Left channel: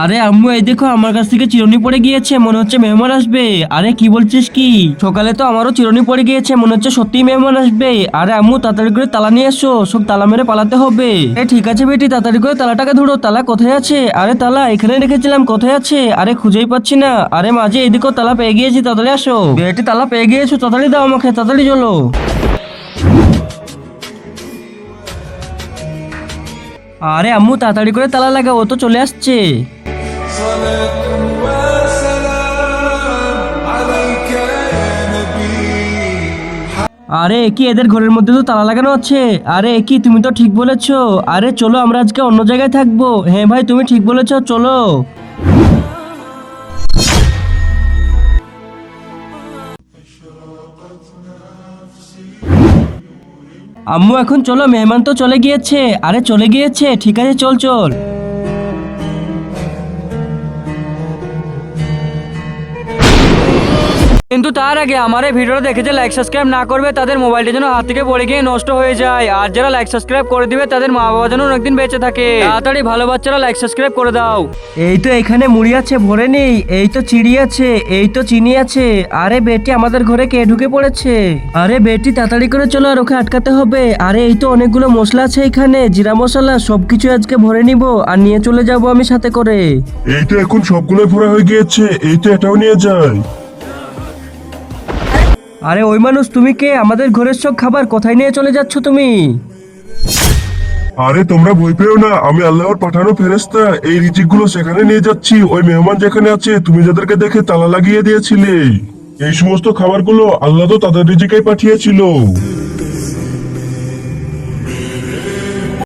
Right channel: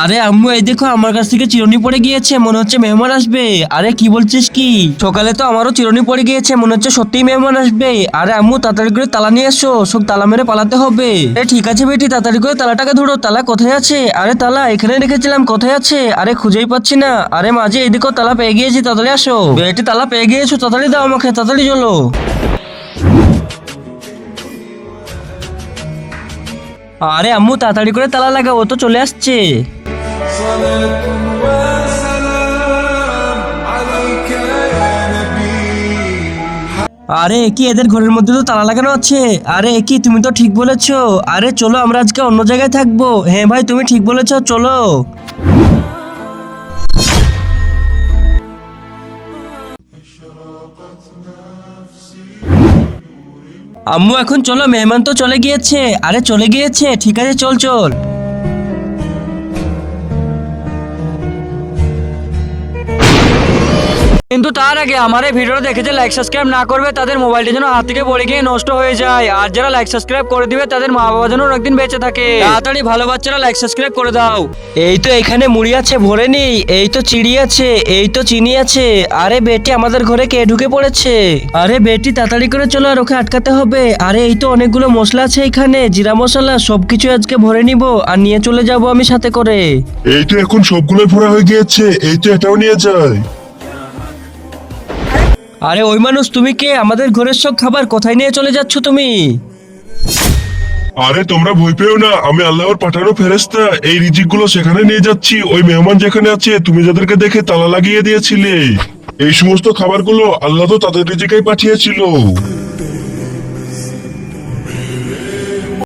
আরে আম্মু, এই দেখো আমার কাছ থেকে চিরুনি পড়ে গিয়েছে, মনে হচ্ছে মেহমান আসবে। আরে কি বলছিস কি? সকালে তো আমারও চিরুনি পড়ে গিয়েছে, মনে হচ্ছে সত্যিই মেহমান আসবে। আরে আম্মু, তাড়াতাড়ি করে তালা নিয়ে এসো, সব তালা মেরে পালাতে হবে। ঠিক আছে বেটি, তাড়াতাড়ি করে তালাটাকে ধরো। তালা কোথায় আছে? আরে তালা এখানে রেখেছিলাম, কোথায় আছে? আরে খুঁজেই পাচ্ছি না। আরে মাঝে এদিকেও তালা পেয়ে গিয়েছি, তাড়াতাড়ি আসো। বেটি তালা পেয়ে গিয়েছো, তাড়াতাড়ি দাও আমাকে, তাড়াতাড়ি চলো। আরে আম্মু, তাড়াতাড়ি করে তালা লাগাও, ও তো চলে আসছে। صلاة وسلام عليك يا نبي। আরে কি এদের ঘরের মধ্যে তো তালা লাগানো আছে? আরে কি, তুমি তো ঠিক বলেছো। আরে চলো আমরা আজকে অন্য জায়গায় থাকবো। হ্যাঁ ভাই, তুমি ঠিক বলেছো, চলো। আম্মু এখন চলো, মেহমান তো চলে গিয়েছে। আরে চলে গিয়েছে, ঠিক আছে, চল চল। কিন্তু তার আগে আমার এই ভিডিওটা দেখে যে লাইক সাবস্ক্রাইব না করবে, তাদের মোবাইলটা যেন হাত থেকে পড়ে গিয়ে নষ্ট হয়ে যায়। আর যারা লাইক সাবস্ক্রাইব করে দিবে, তাদের মা বাবা যেন অনেকদিন বেঁচে থাকে। তাড়াতাড়ি ভালো বাচ্চারা লাইক সাবস্ক্রাইব করে দাও। এই তো এখানে মুড়ি আছে, ভরে নেই। এই তো চিড়ি আছে, এই তো চিনি আছে। আরে বেটি, আমাদের ঘরে কে ঢুকে পড়েছে? আরে বেটি, তাড়াতাড়ি করে চলো, আর ওকে আটকাতে হবে। আরে এই তো অনেকগুলো মশলা আছে এখানে, জিরা মশলা, সবকিছু আজকে ভরে নিব আর নিয়ে চলে যাব আমি সাথে করে। এই তো এখন সবগুলোই ভরা হয়ে গিয়েছে, এই তো এটাও নিয়ে যায়। আরে ওই মানুষ, তুমি কে? আমাদের ঘরের সব খাবার কোথায় নিয়ে চলে যাচ্ছ তুমি? আরে তোমরা ভয় পেও না, আমি আল্লাহর পাঠানো ফেরেশতা। এই রিজিক গুলো সেখানে নিয়ে যাচ্ছি। ওই মেহমান যেখানে আছে, তুমি যাদেরকে দেখে তালা লাগিয়ে দিয়েছিলে, এই সমস্ত খাবারগুলো আল্লাহ তো তাদের রিজিকেই পাঠিয়েছিল।